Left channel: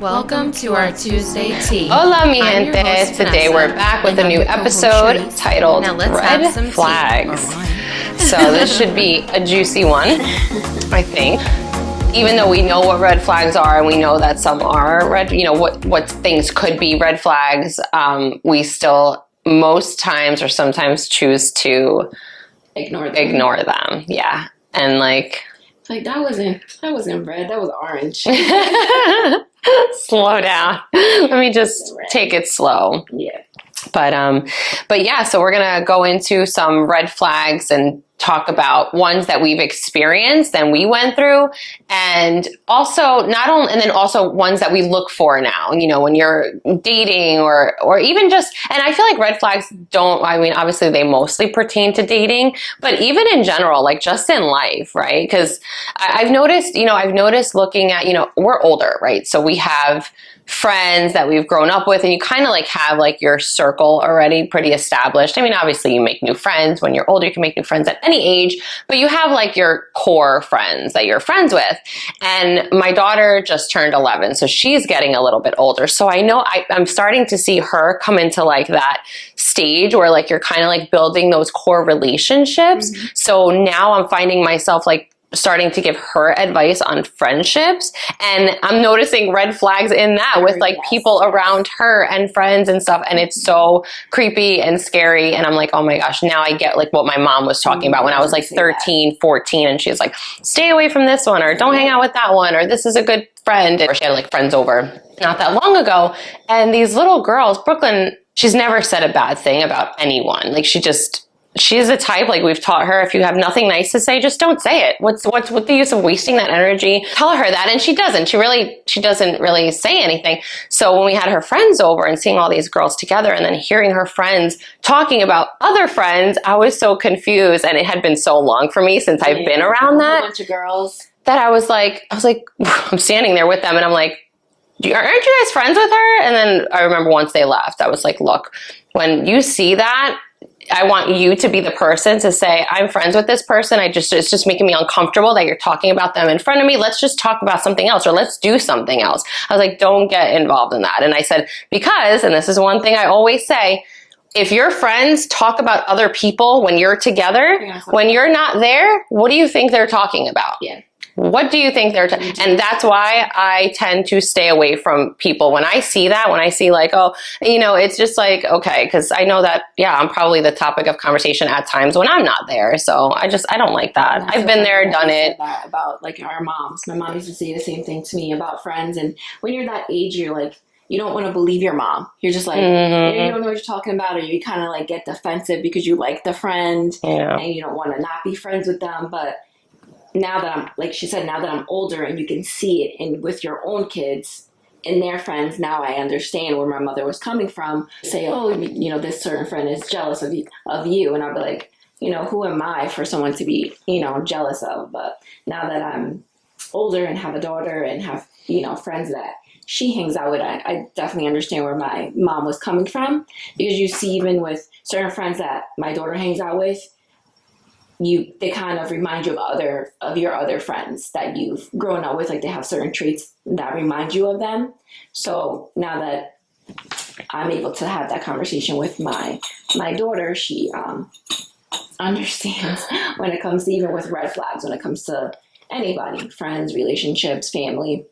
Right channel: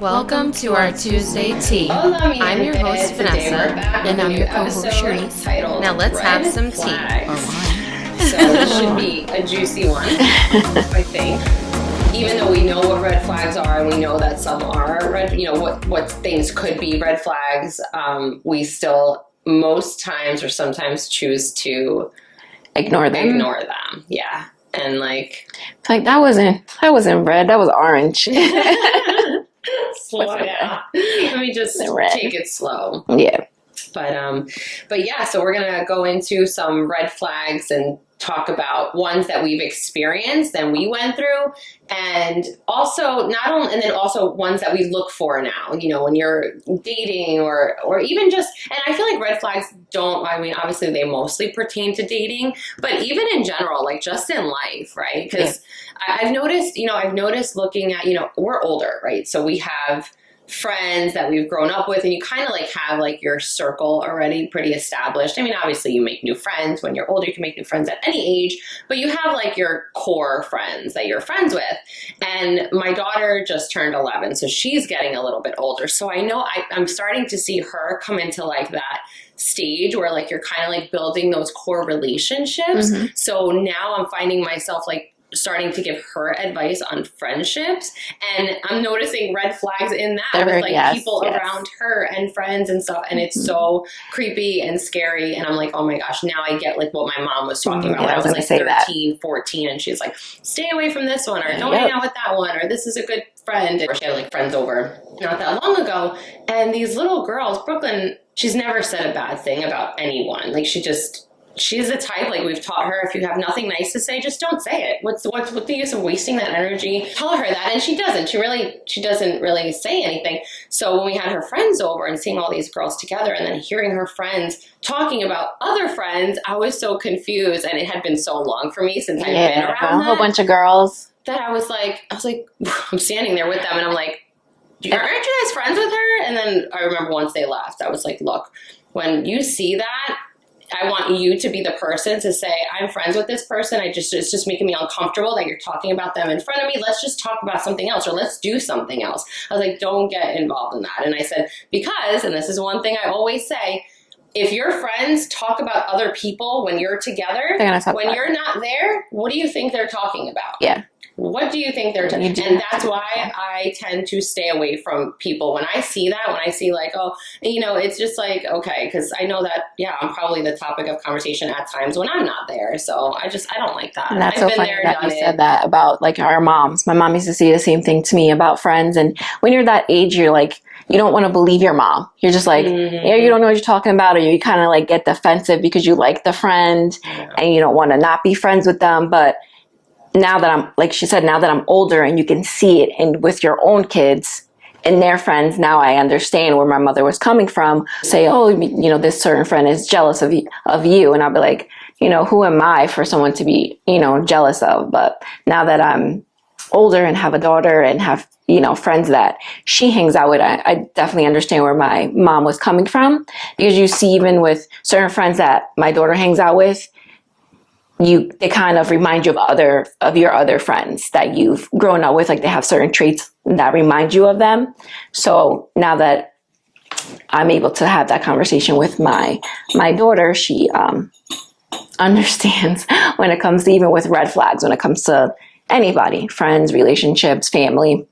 Welcome to our Tuesday tea. Hola, mi I'm your gente. host, Today Vanessa, we're back with and a I'm new your co-host, episode Charisse. titled Now let's Red have some Flags. tea or wine. So this should be a juicy one, I think. Even though we know what red flags are and we know that some are red, what things could be red flags, we still most times or sometimes choose to Ignore them. Yeah. And like that wasn't red, that was orange. slow down. Let me just take it slow. Yeah. But yeah, so we're gonna go into some red flags and talk about ones that we've experienced and we went through, and also and then also ones that we look for now, when you're dating or even just, and I feel like red flags obviously they mostly pertain to dating, but even in general, like just in life, right? Because I've noticed looking at, we're older, right? So we have friends that we've grown up with, and you kind of like have like your circle already pretty established. I mean, obviously you make new friends when you're older, you can make new friends at any age, but you have like your core friends that you're friends with. And my daughter just turned 11, so she's getting a little bit older. So I know I'm starting to see her come into like that stage where like you're kind of like building those core relationships. Mm-hmm. So now I'm finding myself like starting to give her advice on friendships, and I'm noticing red flags in that with like people around her and friends and stuff, and it's so creepy and scary, and I'm like, oh my gosh, now I get like what my mom was talking about when I was like 13, 14, and she's like, stay away from this one, or don't hang out with that one, or this is a good friend. Or she had like friends over not that long ago, and these little girls, Brooklyn, she's never said a bad thing about anyone. Like she's the type, like we've taught her, if you have nothing nice to say, just don't say it. What's the use of wasting that energy? Tell her that, and she doesn't. She doesn't really say anything. So when we had her friends over and seeing all these girls together and then hearing her friends talking about other friends, I was so confused, and it had been so long for me since I've been around that. A whole bunch of girls. That I was like, I'm standing there with them and I'm like, aren't you guys friends with her? And then I remember once they left, I was like, look, when you see that, I want you to be the person to say, I'm friends with this person. It's just making me uncomfortable that you're talking about them in front of me. Let's just talk about something else, or let's do something else. I was like, don't get involved in that. And I said, because, and this is one thing I always say, if your friends talk about other people when you're together, when you're not there, what do you think they're talking about? Yeah. What do you think they're and that's why I tend to stay away from people when I see that, when I see like, it's just like, okay, because I know that, I'm probably the topic of conversation at times when I'm not there. So I don't like that. I've been there, done it. Said that about like our moms. My mom used to say the same thing to me about friends. And when you're that age, you're like, you don't want to believe your mom. You're just like, you don't know what you're talking about, or you kind of like get defensive because you like the friend and you don't want to not be friends with them. But now that I'm, like she said, now that I'm older and you can see it and with your own kids and their friends, now I understand where my mother was coming from. Say, this certain friend is jealous of you. And I'll be like, who am I for someone to be, jealous of? But now that I'm older and have a daughter and have, friends that she hangs out with, I definitely understand where my mom was coming from, because you see, even with certain friends that my daughter hangs out with, they kind of remind you of your other friends that you've grown up with. Like they have certain traits that remind you of them. So now that I'm able to have that conversation with my daughter, she understands when it comes to, even with red flags, when it comes to anybody, friends, relationships, family.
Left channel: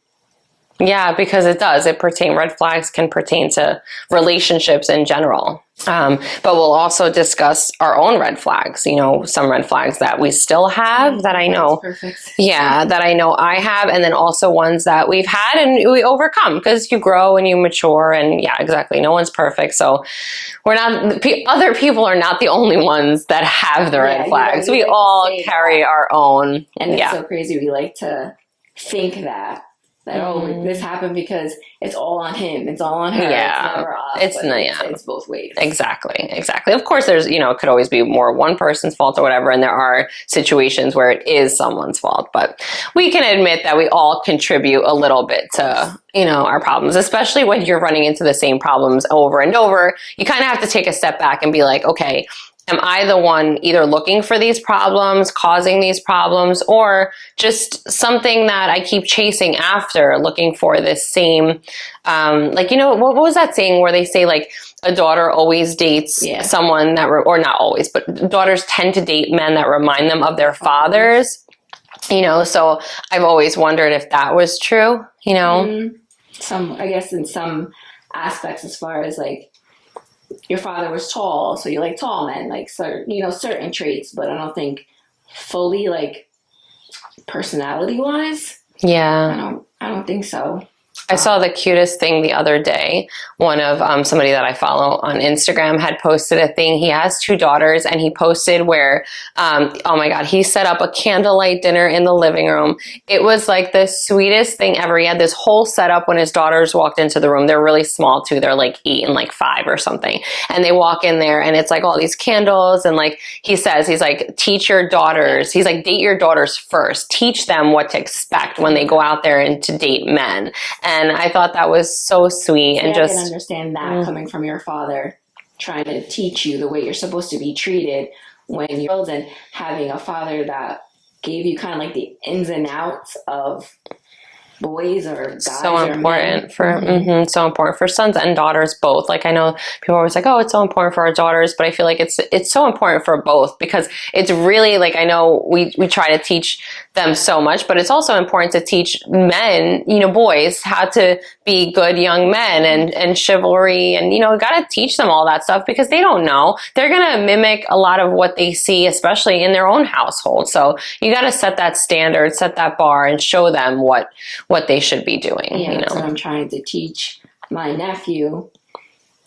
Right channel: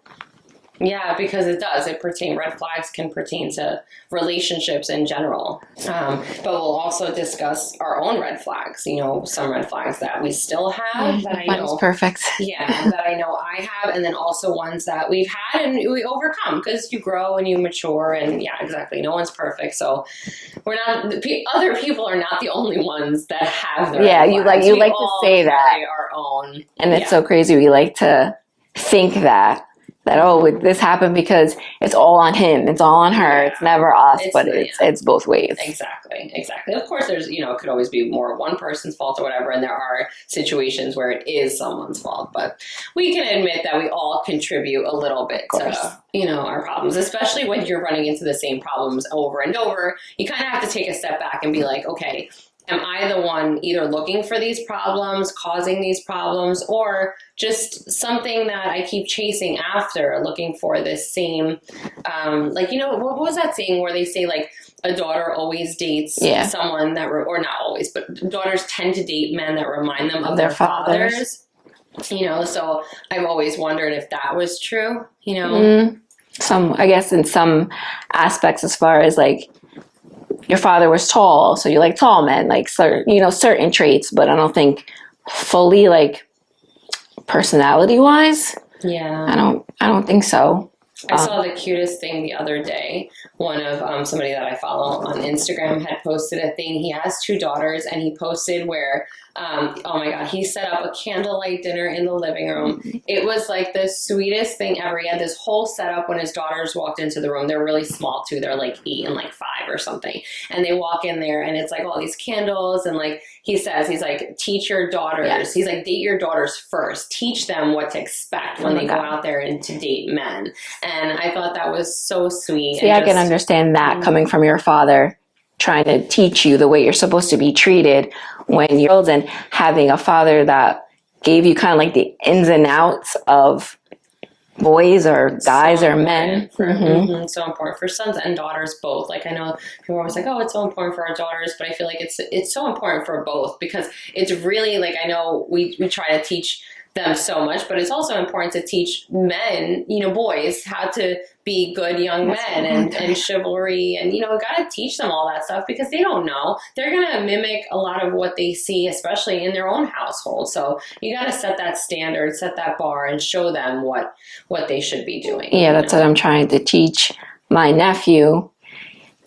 Yeah, because it does. Red flags can pertain to relationships in general. But we'll also discuss our own red flags, some red flags that we still have that I know. Perfect. Yeah, that I know I have. And then also ones that we've had and we overcome, because you grow and you mature, and exactly. No one's perfect. So other people are not the only ones that have the red flags. We all carry our own. And it's so crazy. We like to think that this happened because it's all on him, it's all on her, it's never us, it's both ways. Exactly. Of course, there's, it could always be more one person's fault or whatever, and there are situations where it is someone's fault, but we can admit that we all contribute a little bit to, our problems, especially when you're running into the same problems over and over. You kind of have to take a step back and be like, okay, am I the one either looking for these problems, causing these problems, or just something that I keep chasing after, looking for this same, like, you know, what was that saying where they say like a daughter always dates someone that, or not always, but daughters tend to date men that remind them of their fathers. You know, so I've always wondered if that was true, you know? I guess in some aspects, as far as like, your father was tall, so you like tall men, like certain traits, but I don't think fully like personality wise. Yeah. I don't think so. I saw the cutest thing the other day. One of somebody that I follow on Instagram had posted a thing. He has 2 daughters, and he posted where, oh my God, he set up a candlelight dinner in the living room. It was like the sweetest thing ever. He had this whole setup when his daughters walked into the room. They're really small too. They're like 8 and like 5 or something. And they walk in there, and it's like all these candles. And like he says, he's like, teach your daughters. He's like, date your daughters first. Teach them what to expect when they go out there and to date men. And I thought that was so sweet. See, and I can understand that coming from your father, trying to teach you the way you're supposed to be treated when you're old, and having a father that gave you kind of like the ins and outs of boys or guys or men. So important for sons and daughters both. Like, I know people are always like, oh, it's so important for our daughters, but I feel like it's so important for both, because it's really like, I know we try to teach them so much, but it's also important to teach men, you know, boys, how to be good young men and chivalry, and, you know, got to teach them all that stuff, because they don't know. They're going to mimic a lot of what they see, especially in their own household. So you got to set that standard, set that bar, and show them what they should be doing. Yeah, that's what I'm trying to teach my nephew,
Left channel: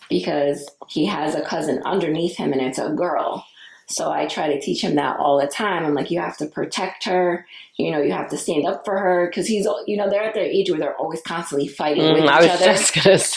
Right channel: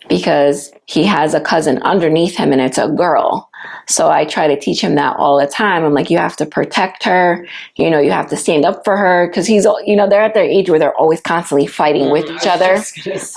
because he has a cousin underneath him, and it's a girl. So I try to teach him that all the time. I'm like, you have to protect her. You know, you have to stand up for her, because he's, you know, they're at their age where they're always constantly fighting with each other.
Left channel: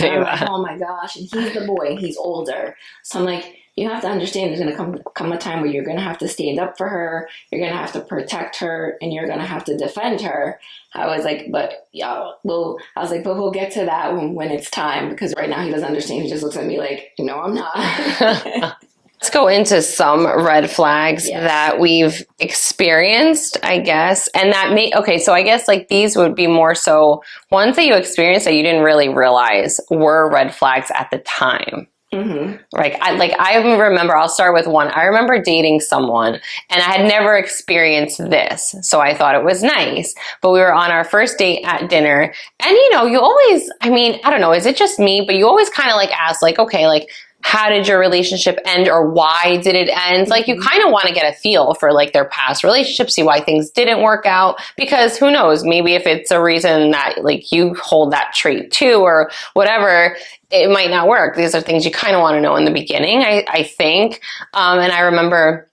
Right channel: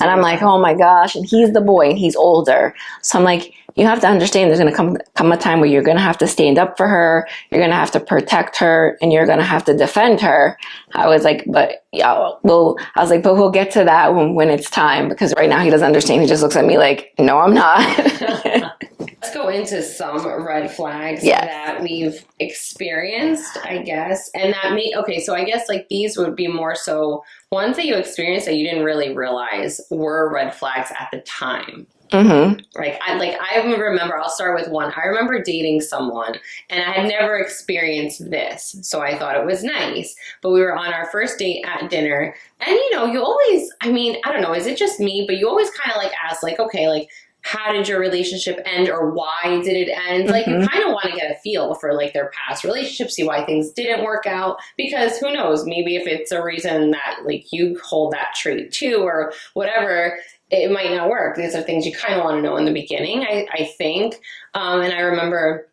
And I'm like, oh my gosh. And he's the boy, and he's older. So I'm like, you have to understand there's going to come a time where you're going to have to stand up for her. You're going to have to protect her, and you're going to have to defend her. I was like, but we'll get to that when it's time, because right now he doesn't understand. He just looks at me like, no, I'm not. Let's go into some red flags that we've experienced, I guess. And that so I guess like these would be more so ones that you experienced that you didn't really realize were red flags at the time. I remember, I'll start with one. I remember dating someone, and I had never experienced this, so I thought it was nice. But we were on our first date at dinner, and you know, you always, I mean, I don't know, is it just me? But you always kind of like ask, like, okay, like, how did your relationship end, or why did it end? Like, you kind of want to get a feel for like their past relationships, see why things didn't work out, because who knows, maybe if it's a reason that like you hold that trait too, or whatever, it might not work. These are things you kind of want to know in the beginning, I think. And I remember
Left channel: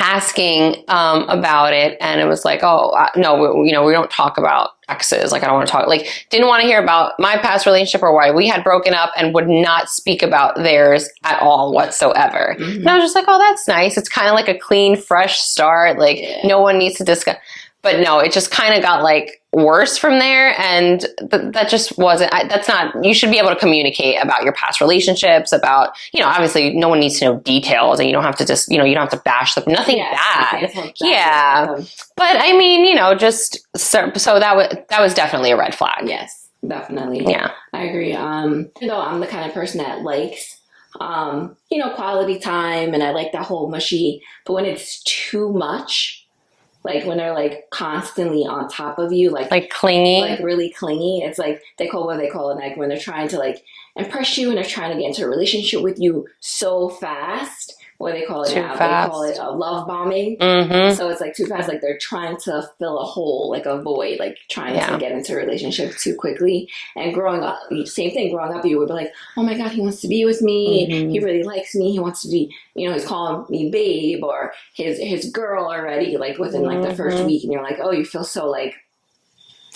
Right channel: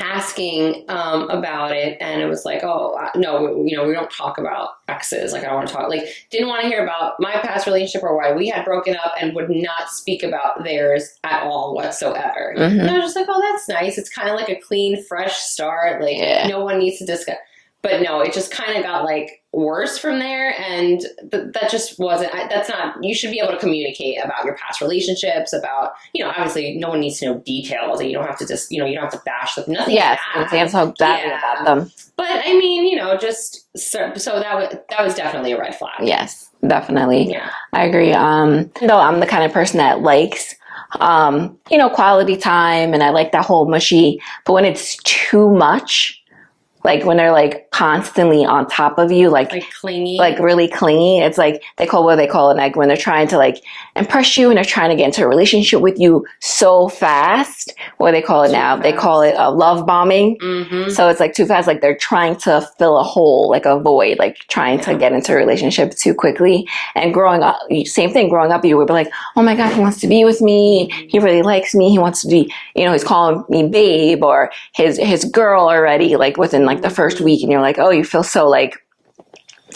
asking about it, and it was like, no, we don't talk about exes. Like, I don't want to talk, like, didn't want to hear about my past relationship or why we had broken up, and would not speak about theirs at all whatsoever. And I was just like, oh, that's nice. It's kind of like a clean, fresh start. Like, no one needs to discuss. But no, it just kind of got like worse from there. And that just wasn't, that's not, you should be able to communicate about your past relationships, about, you know, obviously no one needs to know details, and you don't have to just, you know, you don't have to bash them, nothing bad. But I mean, you know, just, so that was definitely a red flag. Yes, definitely. Yeah. I agree. Though I'm the kind of person that likes, you know, quality time, and I like that whole mushy, but when it's too much, like when they're like constantly on top of you, like clingy, like really clingy. It's like they call it like when they're trying to like impress you, and they're trying to get into a relationship with you so fast. What do they call it now? They call it a love bombing. So it's like too fast. Like they're trying to fill a hole, like a void, like trying to get into a relationship too quickly. And growing up, same thing. Growing up, you would be like, oh my God, he wants to be with me. He really likes me. He wants to be, you know, he's calling me babe, or his girl already, like within like the first week. And you're like, oh, you feel so like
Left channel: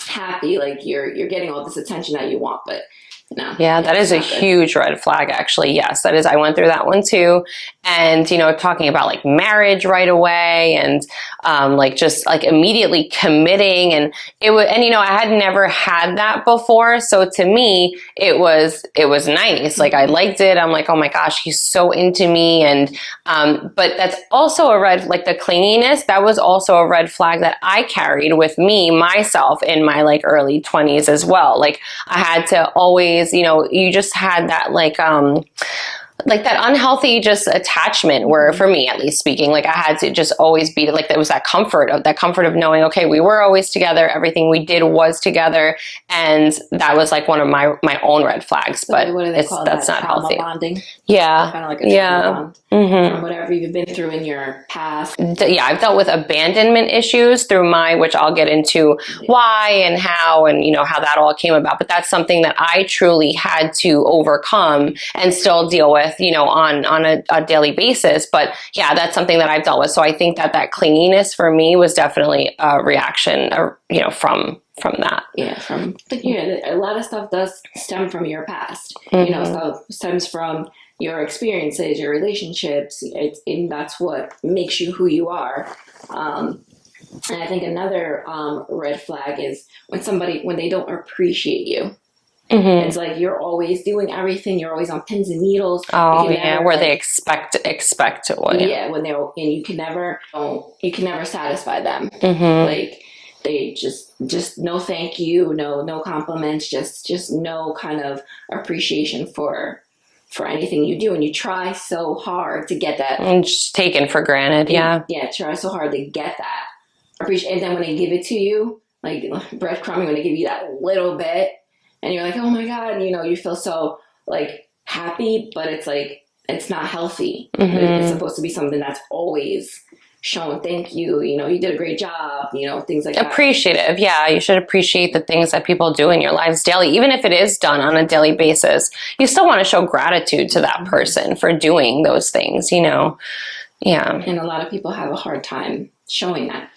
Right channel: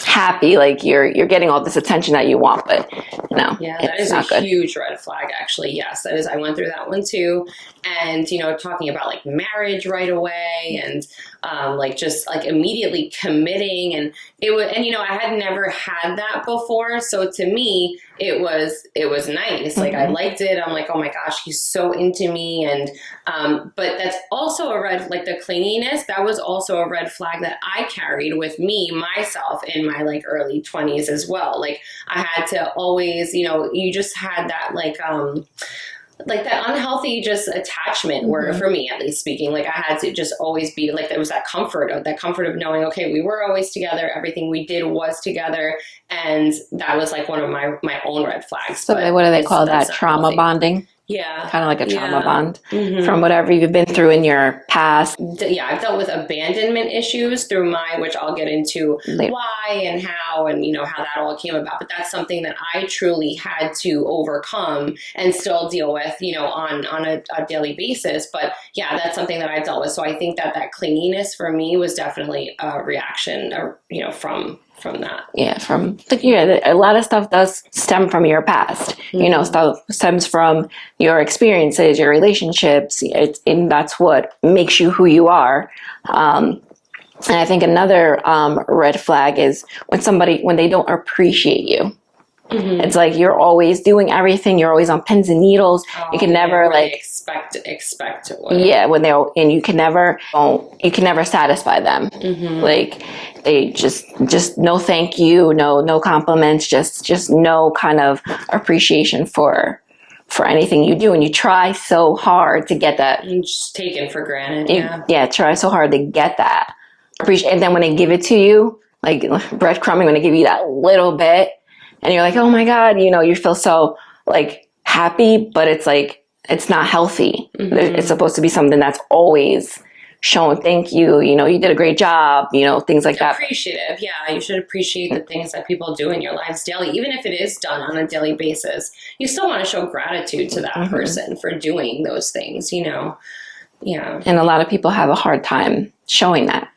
happy, like you're getting all this attention that you want, but no. Yeah, that is a huge red flag, actually. Yes, that is. I went through that one too. And, talking about like marriage right away and like just like immediately committing. And I had never had that before. So to me, it was nice. Like I liked it. I'm like, oh my gosh, he's so into me. And, but that's also like the clinginess, that was also a red flag that I carried with me, myself in my like early 20s as well. Like I had to always, you just had that like that unhealthy just attachment where for me at least speaking, like I had to just always be like, there was that comfort of knowing, okay, we were always together. Everything we did was together. And that was like one of my own red flags. So but what do they call that? Trauma healthy. Bonding? Yeah. Kind of like a trauma bond from whatever you've been through in your past. Yeah, I've dealt with abandonment issues through which I'll get into why and how and, how that all came about. But that's something that I truly had to overcome and still deal with, on a daily basis. But yeah, that's something that I've dealt with. So I think that clinginess for me was definitely a reaction, from that. Yeah, a lot of stuff does stem from your past. Stuff stems from your experiences, your relationships, and that's what makes you who you are. And I think another red flag is when they don't appreciate you. It's like you're always doing everything. You're always on pins and needles. Oh, you can never where they expect what. Yeah, and you can never satisfy them. Like they just no thank you, no compliments, just no kind of appreciation for anything you do, and you try so hard to get that. And just taken for granted. Try so hard to get that appreciation, and then when they give it to you, like breadcrumbing, when they give you that little bit. And you're like, oh my God, you feel so like happy, but it's like, it's not healthy. It's supposed to be something that's always shown, thank you, you did a great job, things like that. Appreciative. Yeah. You should appreciate the things that people do in your lives daily. Even if it is done on a daily basis, you still want to show gratitude to that person for doing those things, Yeah. And a lot of people have a hard time showing that.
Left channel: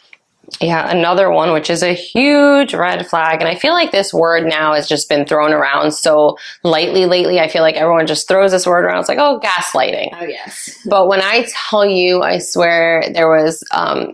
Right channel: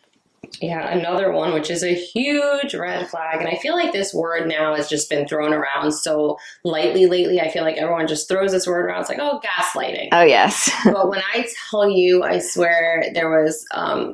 Yeah, another one, which is a huge red flag. And I feel like this word now has just been thrown around so lightly lately. I feel like everyone just throws this word around. It's like, oh, gaslighting. Oh, yes. But when I tell you, I swear there was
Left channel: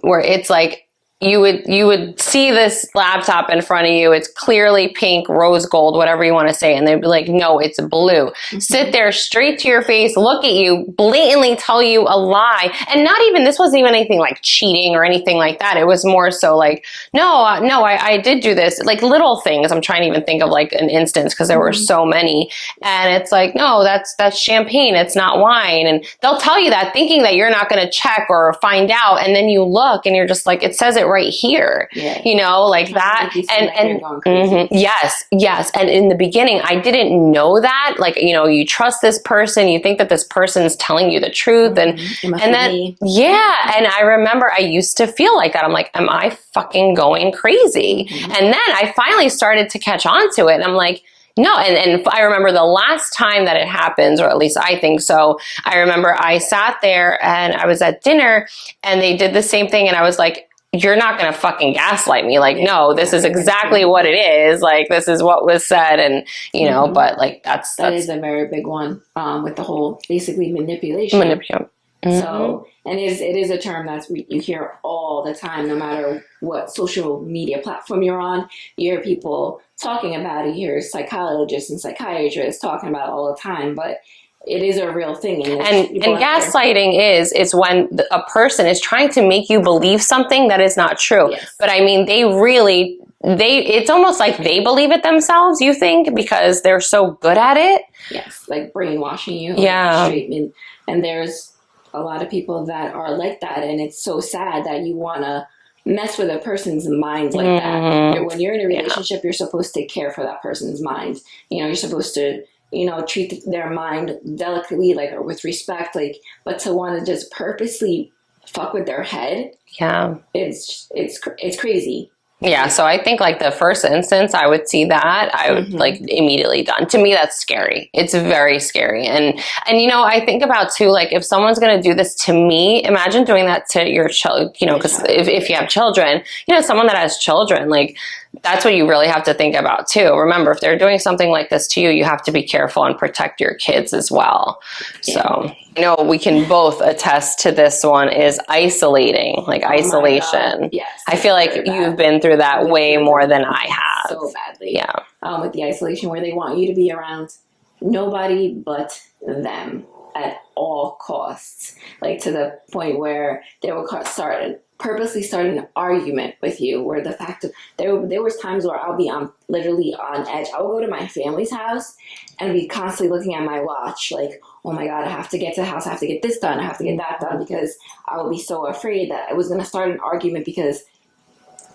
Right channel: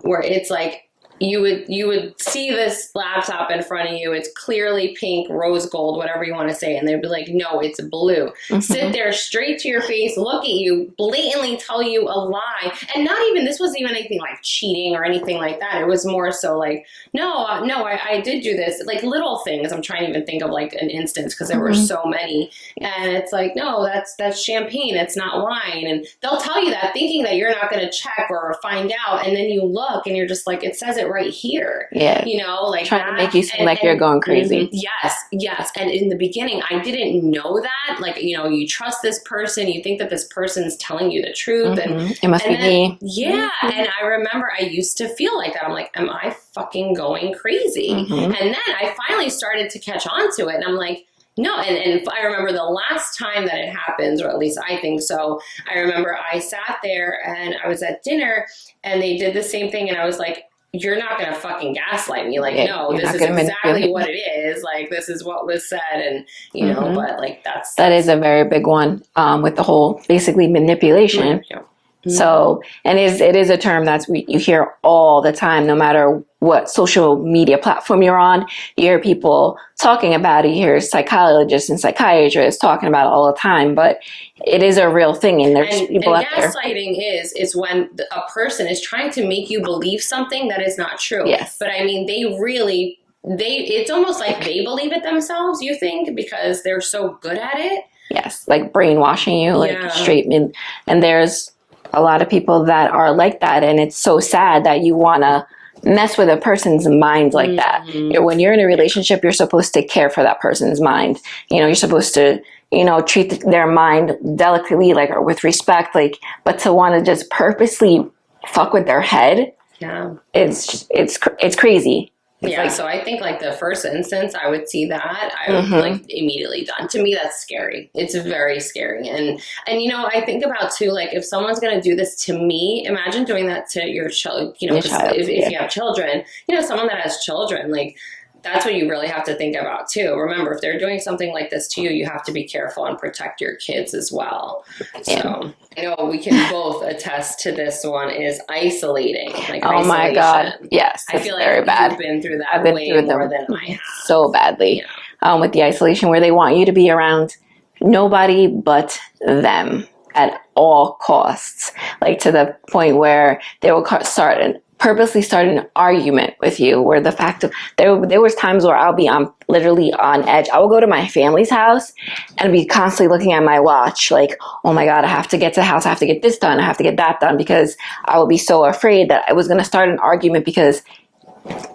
where it's like, you would see this laptop in front of you. It's clearly pink, rose gold, whatever you want to say. And they'd be like, no, it's blue. Sit there straight to your face, look at you, blatantly tell you a lie. And this wasn't even anything like cheating or anything like that. It was more so like, no, I did do this. Like little things. I'm trying to even think of like an instance because there were so many. And it's like, no, that's champagne. It's not wine. And they'll tell you that thinking that you're not going to check or find out. And then you look and you're just like, it says it right here. Yeah. Like trying that. To make you seem like you're going crazy. Yes. And in the beginning, I didn't know that. Like, you trust this person, you think that this person's telling you the truth. And then, and I remember I used to feel like that. I'm like, am I fucking going crazy? And then I finally started to catch on to it. And I'm like, no, and I remember the last time that it happens, or at least I think so. I remember I sat there and I was at dinner and they did the same thing. And I was like, you're not going to fucking gaslight me. Like, no, this is exactly what it is. Like, this is what was said. And, but like, that is a very big one with the whole basically manipulation. So, and it is a term you hear all the time, no matter what social media platform you're on. You hear people talking about it. You hear psychologists and psychiatrists talking about it all the time. But it is a real thing. And gaslighting is when a person is trying to make you believe something that is not true. Yes. But I mean, it's almost like they believe it themselves, you think, because they're so good at it. Yes. Like brainwashing you. Straight in. And there's a lot of people that are like that. And it's so sad that you want to mess with a person's mind like that. When you're in a relationship, you're supposed to care for that person's mind. You're supposed to treat their mind delicately, like, or with respect, like, but to want to just purposely fuck with their head. Yeah. It's crazy. Yeah. So I think like the first instance I would see that, I would like immediately done. To me, that's scary. It's very scary. And I think about too, like if someone's going to do this to me, imagine doing that to your child, because if you have children, someone that has children, like, that's what you really have to think about too. Remember, if they're doing something like this to you, you have to be careful and protect your kids as well. Yeah. So I know we can both attest to this one is isolating, like isolation. Yes. I feel like you've been through that way more than I have. So badly. Yeah. With the isolation where they want you to be around nobody but them at all costs. Like to the point where they will purposely start an argument with you, where the fact of there was times where I'll be literally on edge. I will go to my family's house and be constantly looking at my watch like, oh my God, I have to get to the house. I have to get this done. I have to get that done, because I will be so afraid that I was going to start an argument because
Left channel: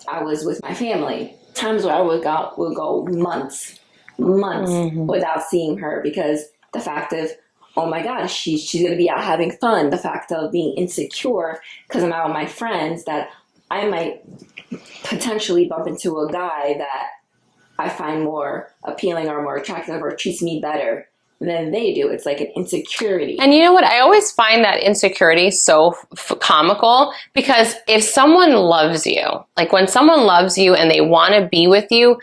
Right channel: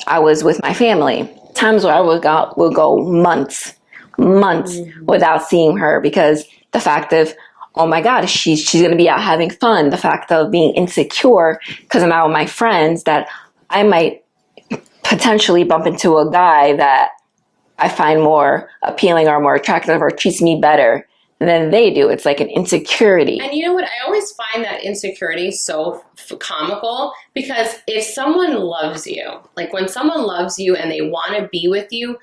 I was with my family. Times where I will go months without seeing her, because the fact of, oh my God, she's going to be out having fun. The fact of being insecure because I'm out with my friends, that I might potentially bump into a guy that I find more appealing or more attractive or treats me better than they do. It's like an insecurity. And you know what? I always find that insecurity so comical, because if someone loves you, like when someone loves you and they want to be with you,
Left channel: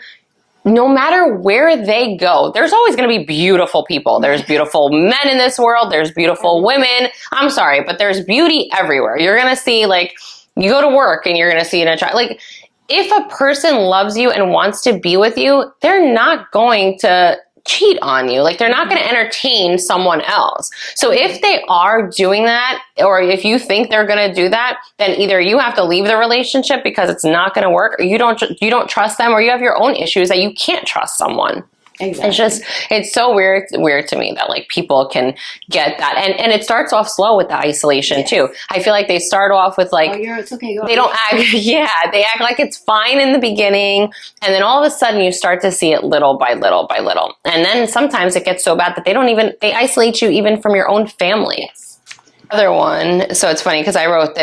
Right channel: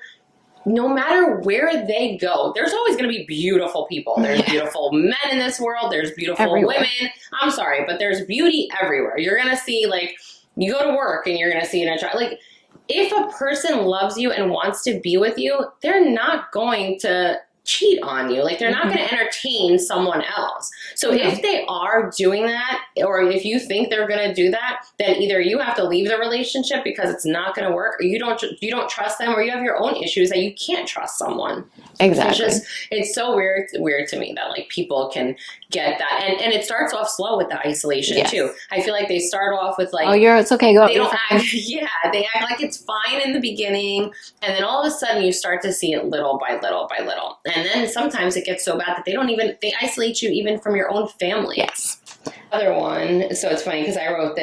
no matter where they go, there's always going to be beautiful people. There's beautiful men in this world. There's beautiful women. I'm sorry, but there's beauty everywhere. You're going to see, like, you go to work and you're going to see like, if a person loves you and wants to be with you, they're not going to cheat on you. Like, they're not going to entertain someone else. So if they are doing that, or if you think they're going to do that, then either you have to leave the relationship because it's not going to work, or you don't trust them, or you have your own issues that you can't trust someone. Exactly. It's so weird to me that like people can get that. And it starts off slow with the isolation too. I feel like they start off with like, oh, it's okay, go. They don't act, they act like it's fine in the beginning. And then all of a sudden you start to see it little by little by little. And then sometimes it gets so bad that they isolate you even from your own family. Yes. Other one, so it's funny because I wrote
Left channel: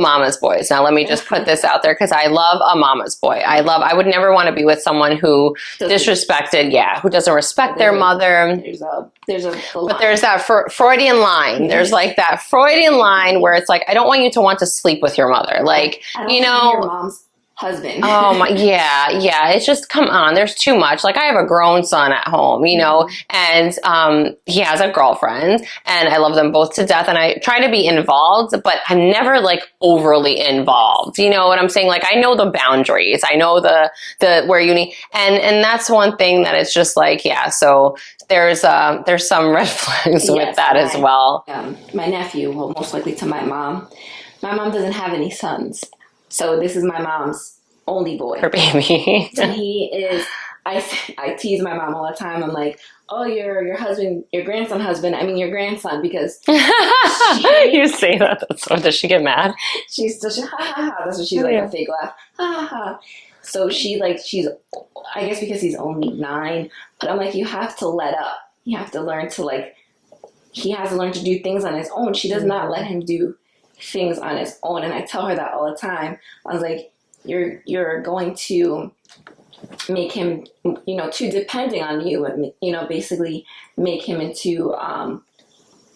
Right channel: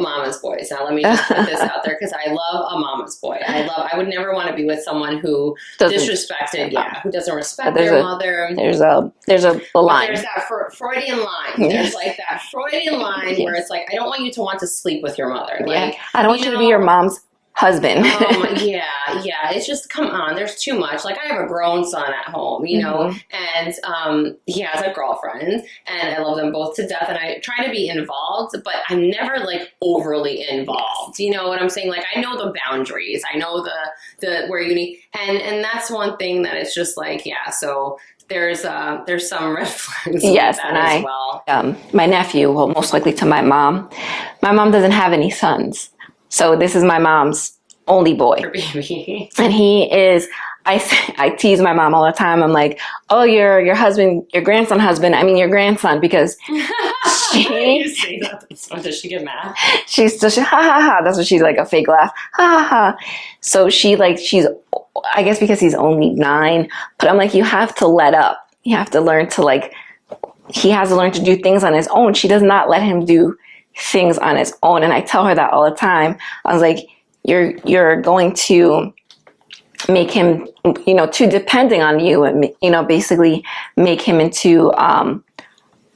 Mama's Boys. Now let me just put this out there, because I love a Mama's Boy. I would never want to be with someone who who doesn't respect their mother. There's a line. But there's that Freudian line. There's like that Freudian line where it's like, I don't want you to want to sleep with your mother. Like, I don't want you to be your mom's husband. Oh my, yeah. It's just, come on, there's too much. Like, I have a grown son at home, you know, and he has a girlfriend, and I love them both to death, and I try to be involved, but I'm never like overly involved. You know what I'm saying? Like, I know the boundaries. I know the where you need, and that's one thing that it's just like, so there's some red flags with that as well. My nephew, well, most likely to my mom doesn't have any sons. So this is my mom's only boy. Her baby. And he is, I tease my mom all the time. I'm like, oh, your grandson, your grandson, because you say that. Does she get mad? She's ha ha ha. That's what she's like, a fake laugh. Ha ha ha. So she's, I guess because he's only 9, but I'm like, you have to let up. You have to learn to he has to learn to do things on his own. She does not let him do things on his own. And I tell her that all the time. I was like, you're going to make him, too depending on you, and, basically make him into a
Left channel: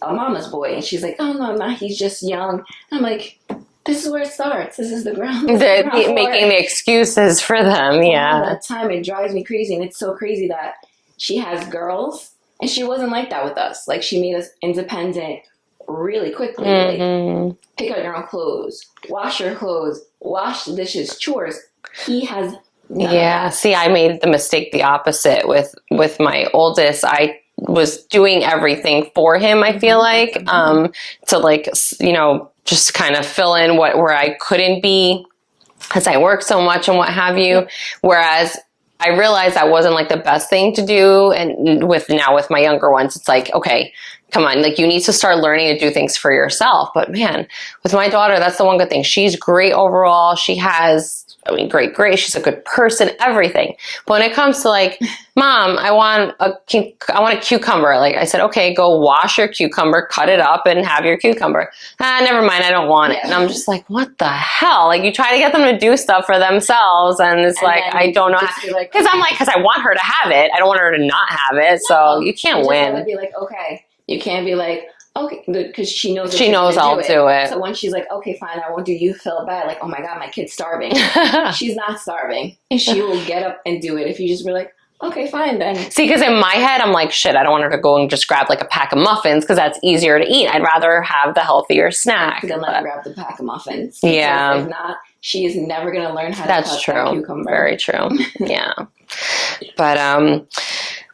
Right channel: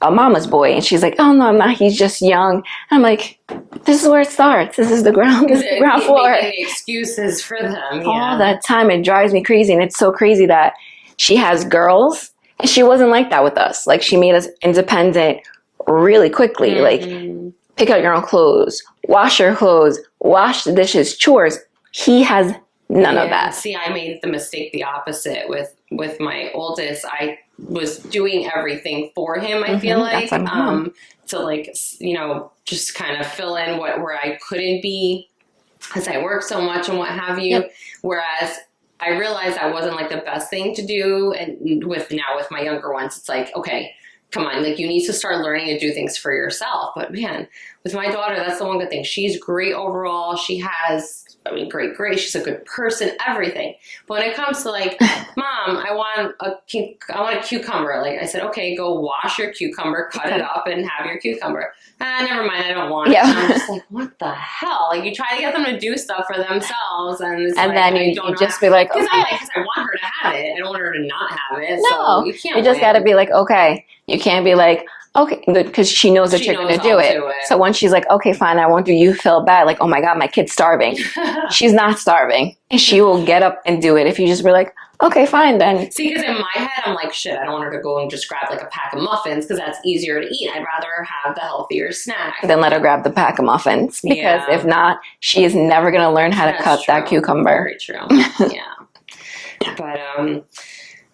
mama's boy. And she's like, oh, no, I'm not. He's just young. And I'm like, this is where it starts. This is the ground floor. Making the excuses for them. Yeah. All that time, it drives me crazy. And it's so crazy that she has girls, and she wasn't like that with us. Like, she made us independent really quickly. Like, pick out your own clothes, wash your clothes, wash the dishes, chores. He has none of that. See, I made the mistake the opposite with my oldest. I was doing everything for him, I feel like, to just kind of fill in where I couldn't be, because I work so much and what have you. Yep. Whereas I realized that wasn't like the best thing to do. And with my younger ones, it's like, okay, come on, like, you need to start learning to do things for yourself. But man, with my daughter, that's the one good thing. She's great overall. She has, great. She's a good person, everything. But when it comes to like, Mom, I want a cucumber. Like, I said, okay, go wash your cucumber, cut it up, and have your cucumber. Never mind, I don't want it. And I'm just like, what the hell? Like, you try to get them to do stuff for themselves, and it's I don't know. Just be like, because I want her to have it. I don't want her to not have it. No, so you can't win. You just got to be like, okay. You can't be like, okay, because she knows that She you're knows gonna I'll do it. So once she's like, okay, fine, I won't do, you feel bad, like, oh my God, my kid's starving. She's not starving. She will get up and do it if you just were like, okay, fine then. See, because in my head, I'm like, shit, I don't want her to go and just grab like a pack of muffins because that's easier to eat. I'd rather have the healthier snack. Then let her grab the pack of muffins. Because Yeah. if not, she is never going to learn how to cut that cucumber. Very true. Yeah.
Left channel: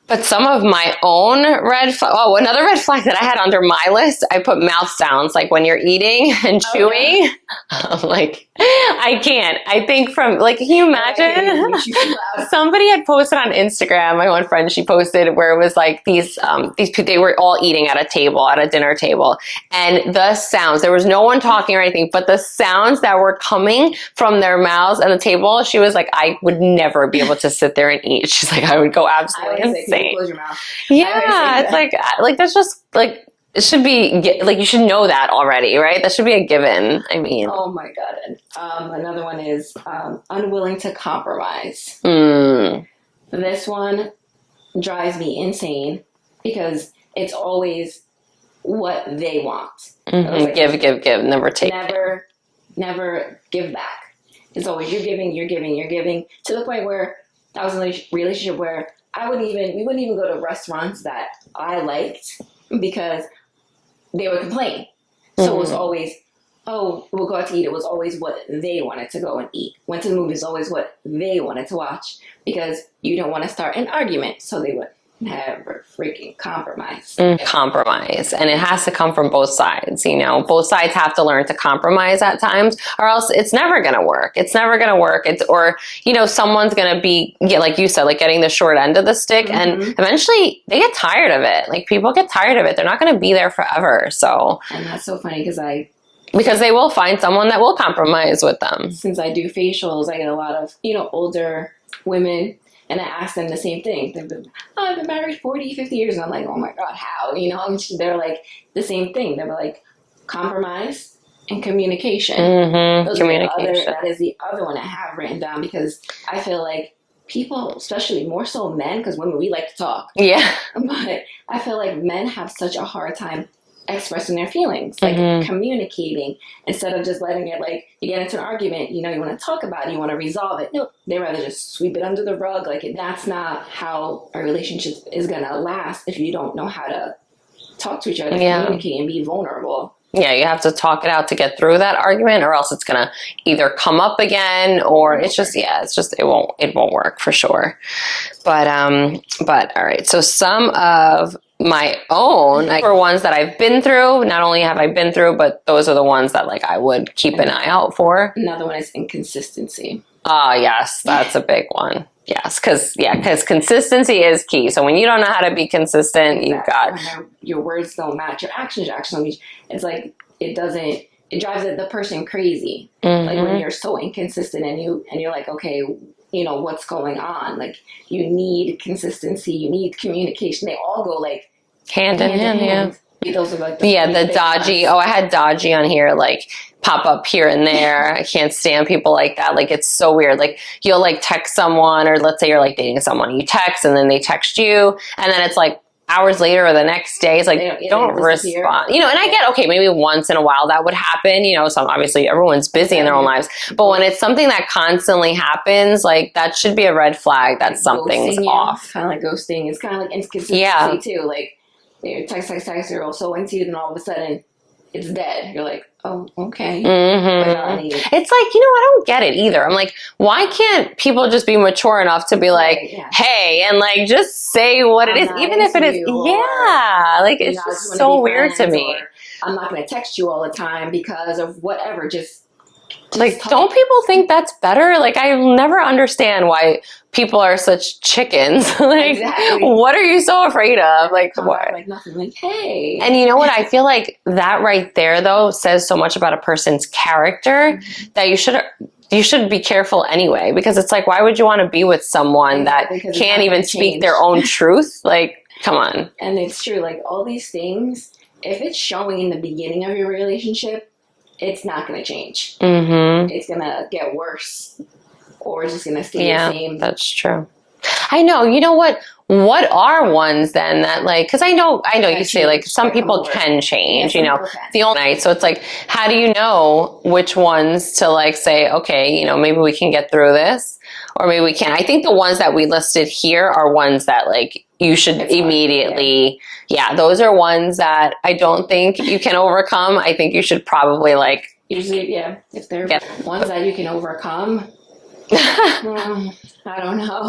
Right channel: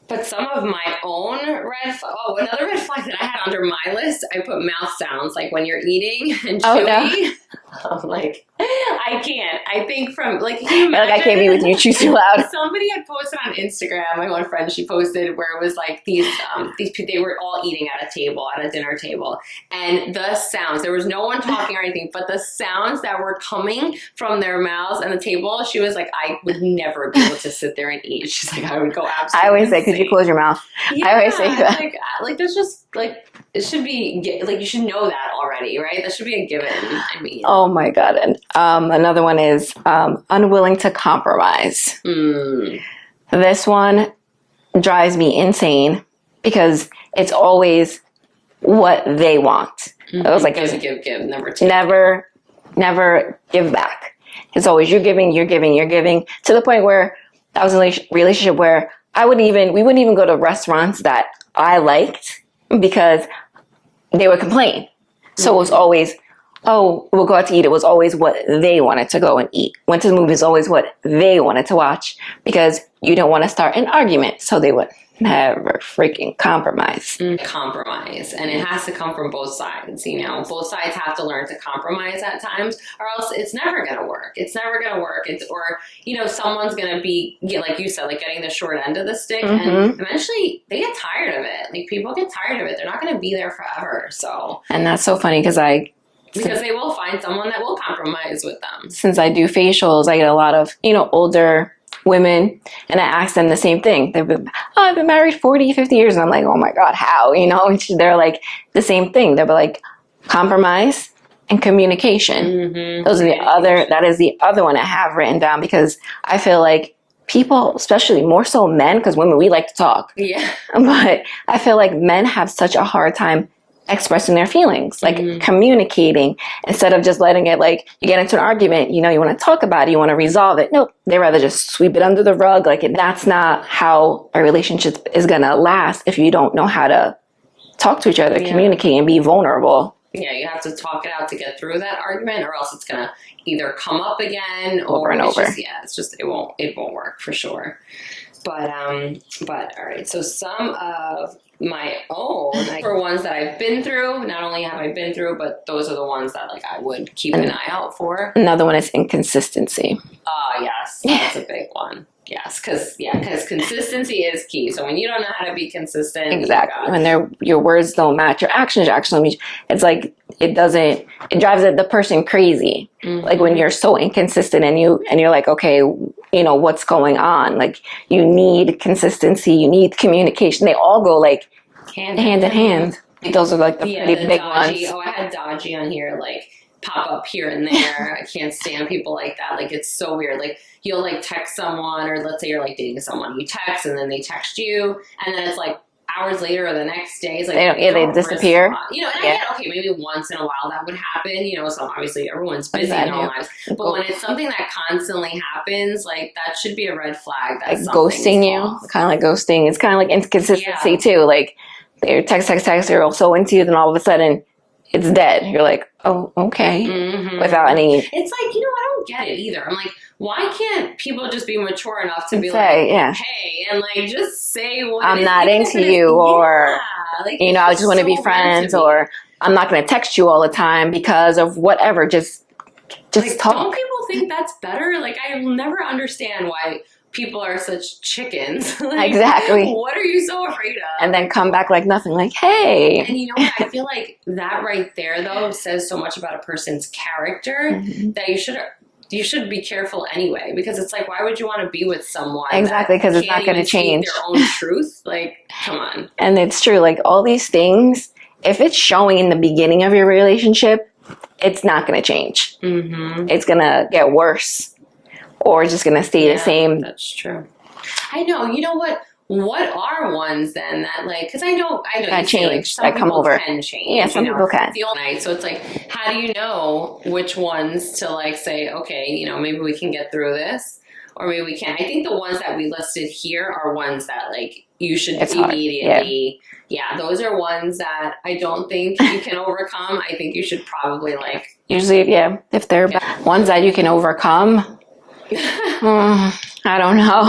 But some of my own another red flag that I had under my list, I put mouth sounds, like when you're eating and chewing. No. I'm like, I can't. I think from, like, can you imagine? Like, I can't be with you, chew too loud. Somebody had posted on Instagram, my one friend, she posted where it was like these people, they were all eating at a dinner table. And the sounds, there was no one talking or anything, but the sounds that were coming from their mouths and the table, she was like, I would never be able to sit there and eat. She's like, I would go absolutely I always say, insane. because you close your mouth. Yeah, I always say it's like that's just like, it should be like, you should know that already, right? That should be a given. I mean, oh my God. And another one is unwilling to compromise. This one drives me insane because it's always what they want. It was like, give, never take. Never give back. It's always you're giving, to the point where I was in a relationship where we wouldn't even go to restaurants that I liked because they would complain. So it was always, oh, we'll go out to eat. It was always what they wanted to go and eat. Went to the movies, always what they wanted to watch because you don't want to start an argument. So they would never freaking compromise. Compromise. And it has to come from both sides, you know. Both sides have to learn to compromise at times or else it's never going to work. Or, you know, someone's going to be, like you said, like getting the short end of the stick and eventually they get tired of it. Like people get tired of it. They're not going to be there forever. So, and that's so funny because they will find someone that will compromise with them. Since I do facials, I get a lot of, you know, older women, and I ask them the same thing. I've been married 40, 50 years. And I'm like, oh my God, how? You know, and they're like the same thing. They'll be like, compromise and communication. Those are that is the other one I have written down because I feel like people, especially more so men, because women, we like to talk. Yeah. But I feel like men have such a hard time expressing their feelings, like communicating instead of just letting it, like you get into an argument, you know, you want to talk about it, you want to resolve it. Nope. They rather just sweep it under the rug. Like that's not how a relationship is going to last if you don't know how to talk to each other, communicate and be vulnerable. Yeah, you have to talk it out to get through that argument or else it's going to either come up again or it won't work for sure. But all right. So some of my own, for ones that I've been through, not only have I been through, but those are the ones that like I would keep an eye out for. Another one is inconsistency. Oh, yes, that's a big one. Yes, because consistency is key. So when you don't know how to be consistent, when your words don't match, your actions don't match. It's like it drives the person crazy. Like when you're so inconsistent and you're like, okay, you know what's going on. Like you need consistency, you need communication. They all go like hand in hand. Those are like the dodgy. ones. Oh, I had dodgy on here, like pop up here and there. I can't stand people like that. Like it's so weird. Like you'll like text someone, or let's say you're like dating someone, you text and then they text you, and then it's like hours later or the next day, it's like they don't disappear. Respond. You know, and I get, okay, maybe once in a while that would happen. You know, obviously everyone's busy in their own lives, but when it's something that constantly happens, like that should be a red flag that like something's off. Kind of like ghosting. It's kind of like inconsistency too. Like they're text, they're so into you, then all of a sudden it's dead. You're like, oh, okay. Without any... It's like, you know, I don't get it either. I'm like, why can't people just be mature enough to be like, hey, and like just say what it is. I'm not into you, or, like, you know, I just want to be friends, or I'm not going to text you all the time because of whatever. Just like, talk. Don't people think that's better? Like, I never understand why people are such chickens. Like, exactly. What are you so afraid of? And then come back like nothing. Like, hey. And you know what? I feel like that right there, though, says so much about a person's character that you should be careful anyway. Because it's like, why would you want to be with someone that can't even speak their own truth? Like, come on. And it's true. Like, all these things, if it's showing in the beginning of your relationship, it's not going to change. It's going to get worse. Or it's just going to stay the same. That's true. I know. You know what? what are ones then that like, because I know you say like some people can change, yeah, some you know, people can. the only night. So it's like, how do you know which ones to like say, okay, you know, maybe we can get through this or maybe we can't. I think the ones that we listed here are ones that like you should immediately, those are ones that I don't think you can overcome. I think you should probably like. Usually, if they're ones that you can overcome, I don't know.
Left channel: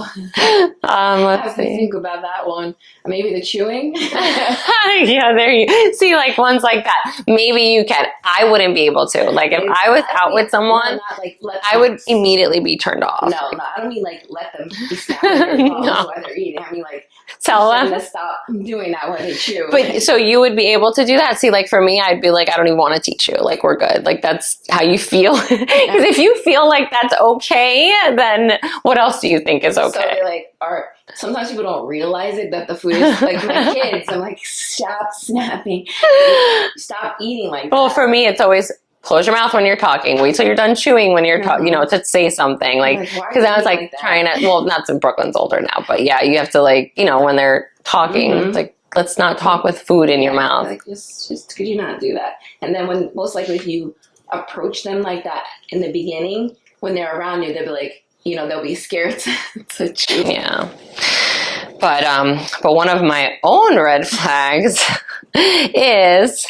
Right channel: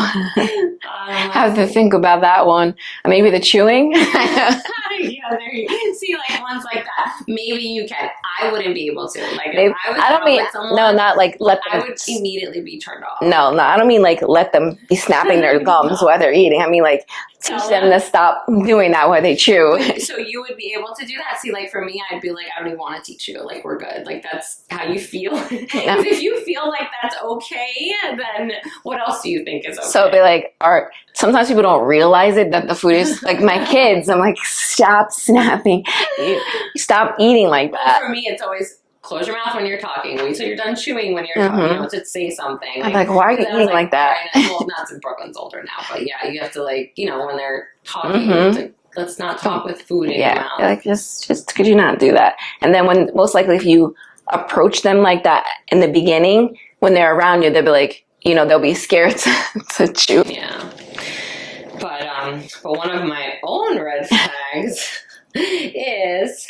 I have to think about that one. Maybe the chewing. Yeah, there you see, like ones like that. Maybe you can. I wouldn't be able to. Like if I was out with someone, no, not like let them, I would immediately be turned off. No, I don't mean like let them be snapping their gums while they're eating. I mean like tell them to stop doing that while they chew. But, so you would be able to do that? See, like for me, I'd be like, I don't even want to teach you. Like we're good. Like that's how you feel. Because if you feel like that's okay, then what else do you think is okay? So they like are. Sometimes people don't realize it that the food is like my kids. I'm like, stop snapping, stop eating like that. Well, for me, it's always close your mouth when you're talking. Wait till you're done chewing when you're talking. You know, to say something like why are you I was like that? Trying to. Well, not since Brooklyn's older now, but yeah, you have to like you know when they're talking, it's like let's not talk with food in your mouth. Like just could you not do that? And then when most likely if you approach them like that in the beginning, when they're around you, they'll be like. You know, they'll be scared to chew. Yeah. But one of my own red flags is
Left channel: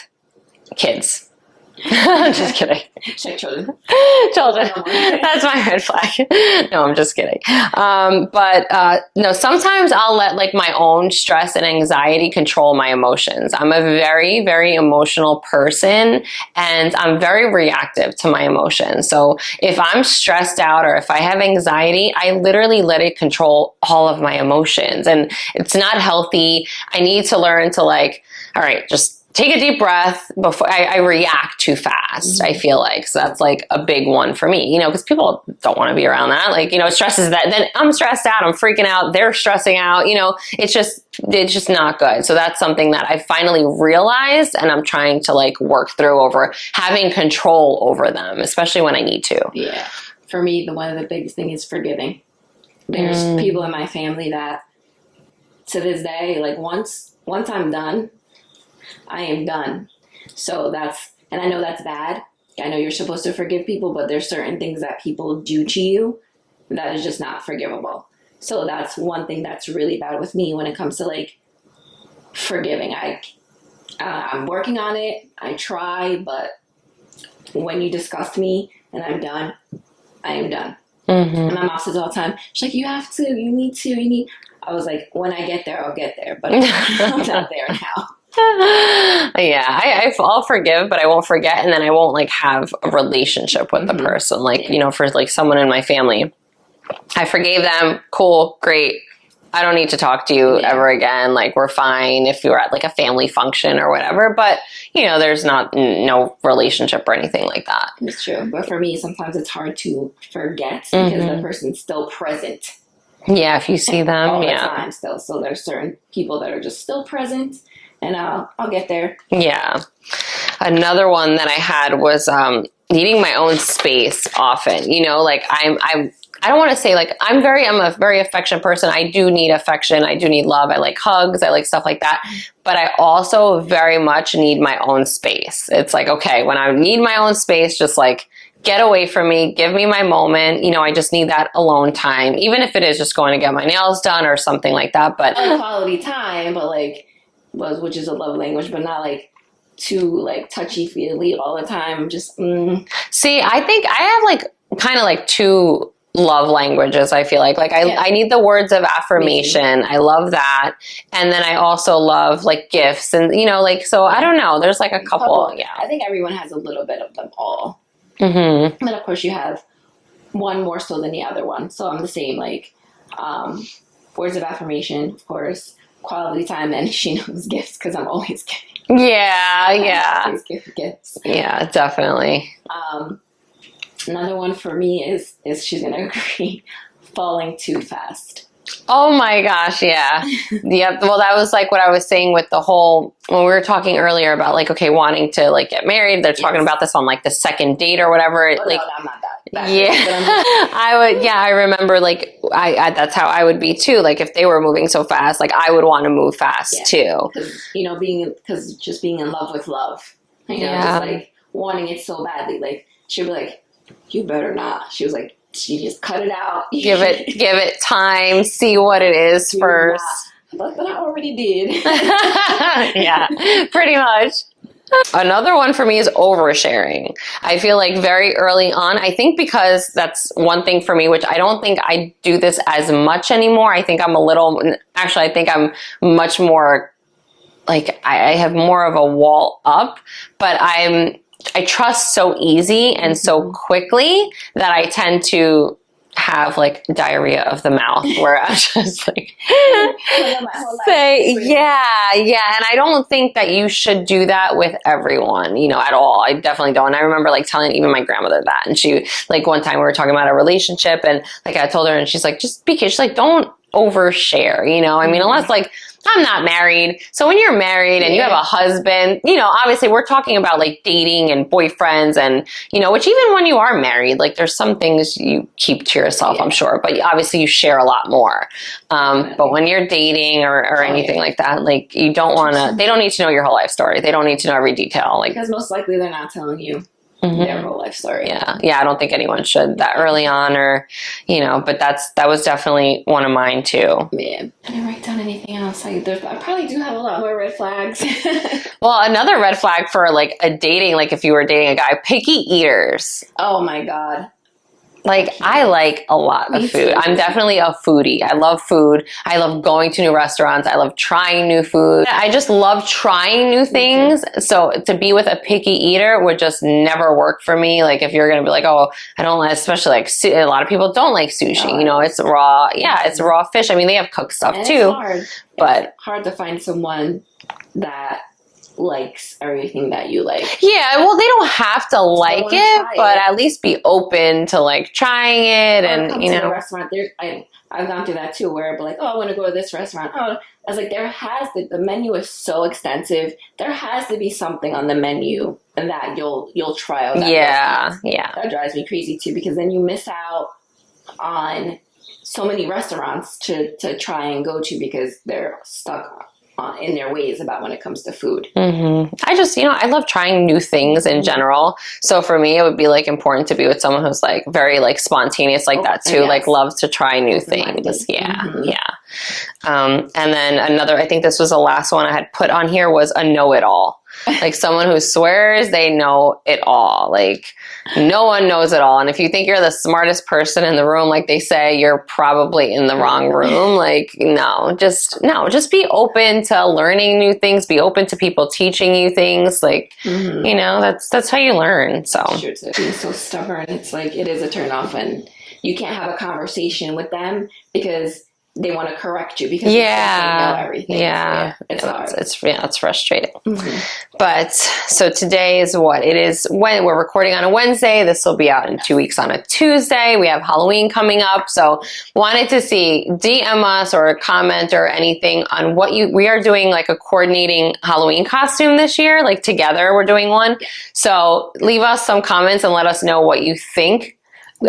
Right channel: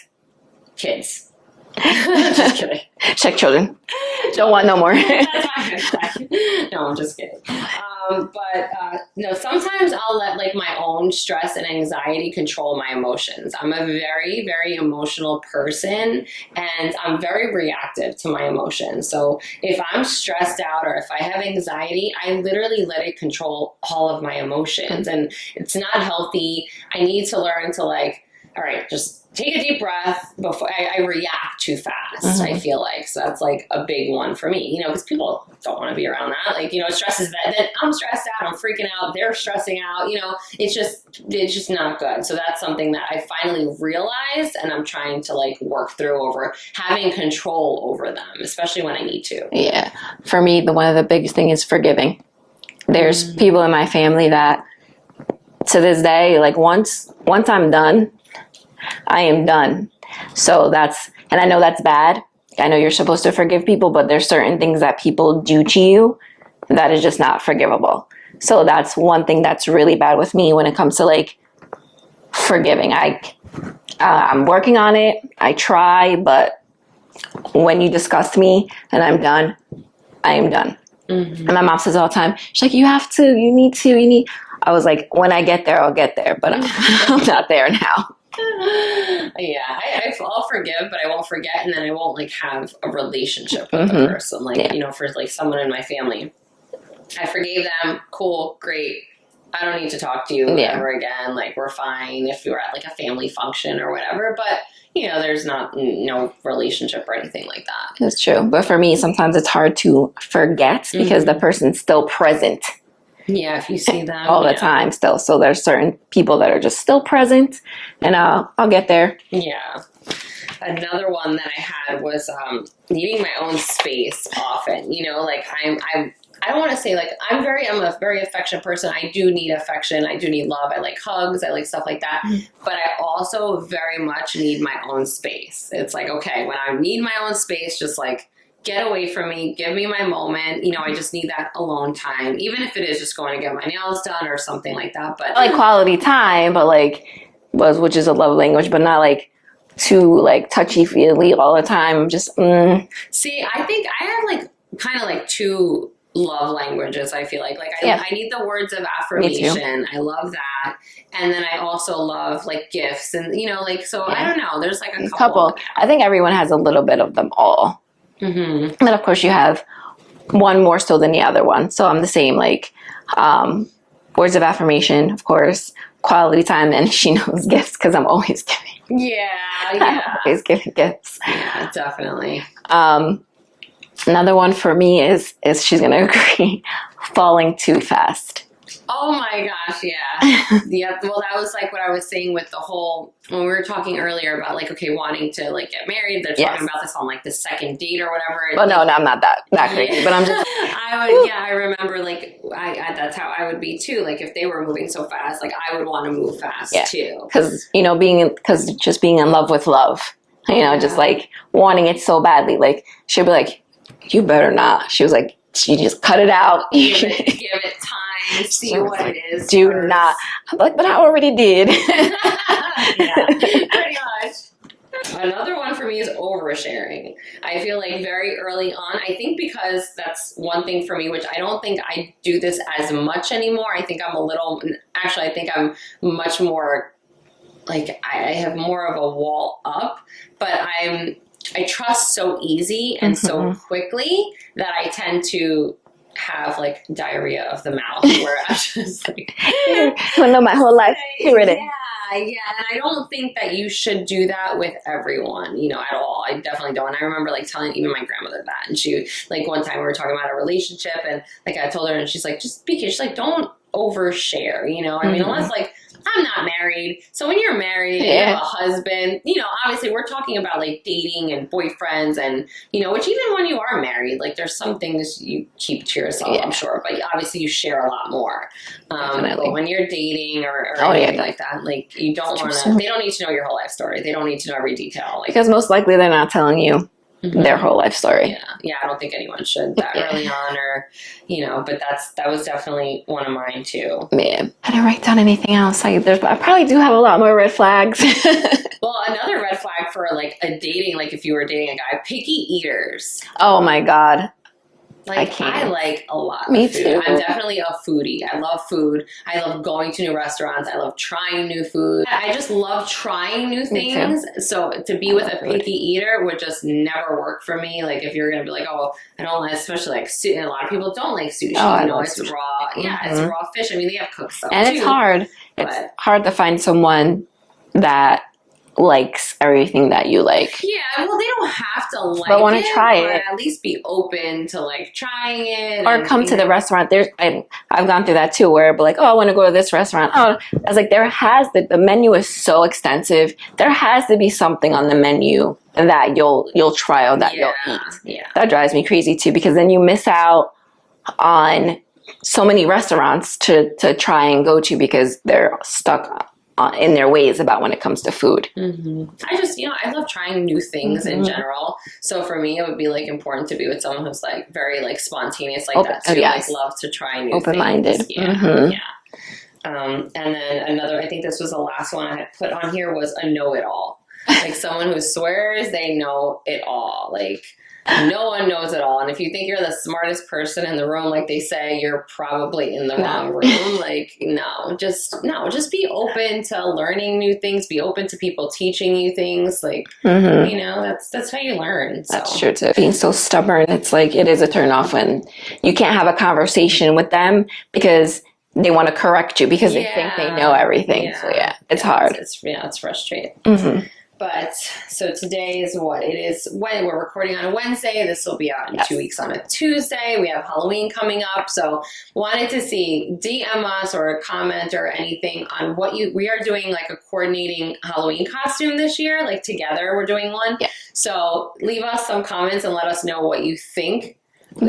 kids. Just kidding. Check children. Don't want no more. That's my red flag. No, I'm just kidding. No, sometimes I'll let like my own stress and anxiety control my emotions. I'm a very, very emotional person and I'm very reactive to my emotions. So if I'm stressed out or if I have anxiety, I literally let it control all of my emotions and it's not healthy. I need to learn to like, all right, just take a deep breath before I react too fast. I feel like, so that's like a big one for me, you know, because people don't want to be around that. Like, you know, it stresses that then I'm stressed out, I'm freaking out, they're stressing out, you know, it's just not good. So that's something that I finally realized and I'm trying to like work through over having control over them, especially when I need to. Yeah. For me, one of the biggest thing is forgiving. There's people in my family that to this day, like once I'm done, I am done. So and I know that's bad. I know you're supposed to forgive people, but there's certain things that people do to you that is just not forgivable. So that's one thing that's really bad with me when it comes to like forgiving. I'm working on it. I try, but when you disgust me and I'm done, I am done. And my mom says all the time, she's like, you need. I was like, when I get there, I'll get there, but I'm not there now. Yeah, I'll forgive, but I won't forget, and then I won't like have a relationship with the person. Like, you know, for like someone in my family, I forgave them. Cool, great. I don't need to talk to you ever again. Like, we're fine if you're at like a family function or whatever. But you know, there's no relationship or anything like that. That's true. But for me, sometimes it's hard to forget because the person's still present. Yeah, if you see them all the time still. So there's certain people that are just still present and I'll get there. Yeah. Another one that I had was needing my own space often. You know, like I don't want to say like I'm a very affectionate person. I do need affection. I do need love. I like hugs. I like stuff like that. But I also very much need my own space. It's like, okay, when I need my own space, just like get away from me, give me my moment. You know, I just need that alone time, even if it is just going to get my nails done or something like that. But like quality time, but like which is a love language, but not like too like touchy-feely all the time. I'm just See, I think I have like kind of like two love languages. I feel like I need the words of affirmation. I love that. And then I also love like gifts and, you know, like, so I don't know. There's like a couple. Yeah. I think everyone has a little bit of them all. And then of course you have one more so than the other one. So I'm the same, like words of affirmation, of course, quality time, and she knows gifts because I'm always giving. Yeah. I'm always giving gifts. Yeah, definitely. Another one for me is she's gonna agree, falling too fast. Oh my gosh, yeah. Yep. Well, that was like what I was saying with the whole, when we were talking earlier about like, okay, wanting to like get married. They're talking about this on like the second date or whatever. Oh, like, no, I'm not that. that crazy, but I'm just, I remember like I that's how I would be too. Like if they were moving so fast, like I would want to move fast too. because just being in love with love, just like wanting it so badly. Like she'd be like, "You better not." She was like, "She just cut it out. Give it time. See what it is first." Not. I'm like, "But I already did." Yeah, pretty much. Another one for me is oversharing. I feel like very early on, I think because that's one thing for me, which I don't think I do this as much anymore. I think I'm much more like I have more of a wall up, but I trust so easy and so quickly that I tend to have like diarrhea of the mouth where I'm just like my whole life. And I don't think that you should do that with everyone, at all. I definitely don't. And I remember like telling even my grandmother that, and she like one time we were talking about a relationship, and like I told her, and she's like, just be careful. She's like, don't overshare, I mean, unless like I'm not married. So when you're married and you have a husband, obviously we're talking about like dating and boyfriends and, which even when you are married, like there's some things you keep to yourself, I'm sure, but obviously you share a lot more. But when you're dating or anything like that, like you don't want to, they don't need to know your whole life story. They don't need to know every detail. Like, because most likely they're not telling you their whole life story. Yeah. I don't think anyone should that early on or, but that was definitely one of mine too. Man, I didn't write down anything else. I probably do have a lot more red flags. Well, another red flag for like a dating, like if you were dating a guy, picky eaters. Oh my God. Like I like a lot of food. Too. I'm definitely a foodie. I love food. I love going to new restaurants. I love trying new food. I just love trying new things. So to be with a picky eater would just never work for me. Like if you're going to be like, oh, I don't like, especially like a lot of people don't like sushi. It's sushi. Raw. Yeah, it's raw fish. I mean, they have cooked stuff and too. It's hard. But it's hard to find someone that likes everything that you like. Yeah, well, they don't have to like it, try but it. at least be open to like trying it. Or come to the restaurant. I've gone through that too, where like, oh, I want to go to this restaurant. Oh, I was like, the menu is so extensive. There has to be something on the menu that you'll try or that you'll eat. That drives me crazy too, because then you miss out on so many restaurants to try and go to because they're stuck in their ways about when it comes to food. I just, I love trying new things in general. So for me, it would be like important to be with someone who's like very like spontaneous like that too. Like loves to try new things. Yeah. And then another, I think this was the last one I had put on here, was a know-it-all. Like someone who swears they know it all. Like no one knows it all. And if you think you're the smartest person in the room, like they say, you're probably in the wrong room. Like, just be open to learning new things. Be open to people teaching you things. Like, that's how you learn. So that's true too. Being so stubborn, it's like, it is a turn off when you can't have a conversation with them because they want to correct you because they think they know everything. Yeah, so, it's hard. It's frustrating. But so today is what it is. When we're recording on a Wednesday, this will be out in 2 weeks on a Tuesday. We have Halloween coming up, so wanted to see, DM us or comment or anything on what we are doing, like a coordinating Halloween costume this year. Like together, we're doing one. Yeah. So leave us some comments and let us know what you think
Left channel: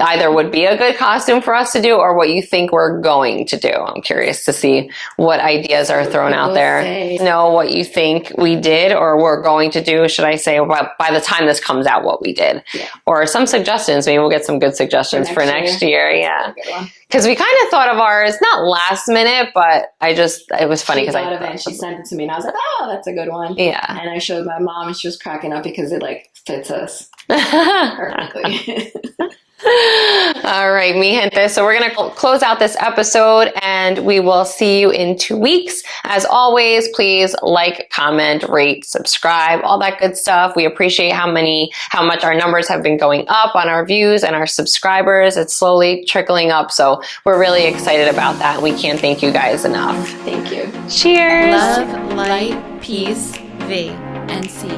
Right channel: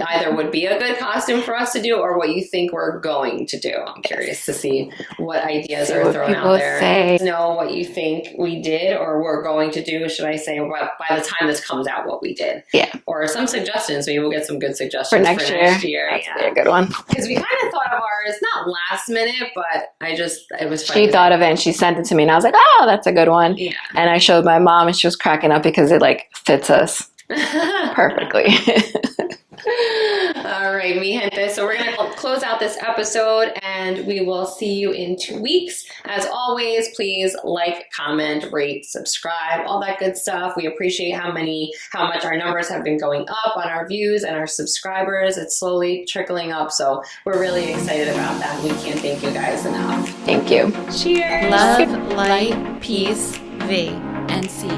either would be a good costume for us to do or what you think we're going to do. I'm curious to see what ideas are thrown out there. Know what you think we did or we're going to do, should I say, by the time this comes out, what we did. Yeah. Or some suggestions. Maybe we'll get some good suggestions for next year. Yeah. A good one. Because we kind of thought of ours, not last minute, but it was funny. She thought of it and she sent it to me and I was like, oh, that's a good one. Yeah. And I showed my mom and she was cracking up because it like fits us perfectly. All right, mi gente. So we're going to close out this episode and we will see you in 2 weeks. As always, please like, comment, rate, subscribe, all that good stuff. We appreciate how much our numbers have been going up on our views and our subscribers. It's slowly trickling up. So we're really excited about that. We can't thank you guys enough. Thank you. Cheers. Love, light, peace, V, and C.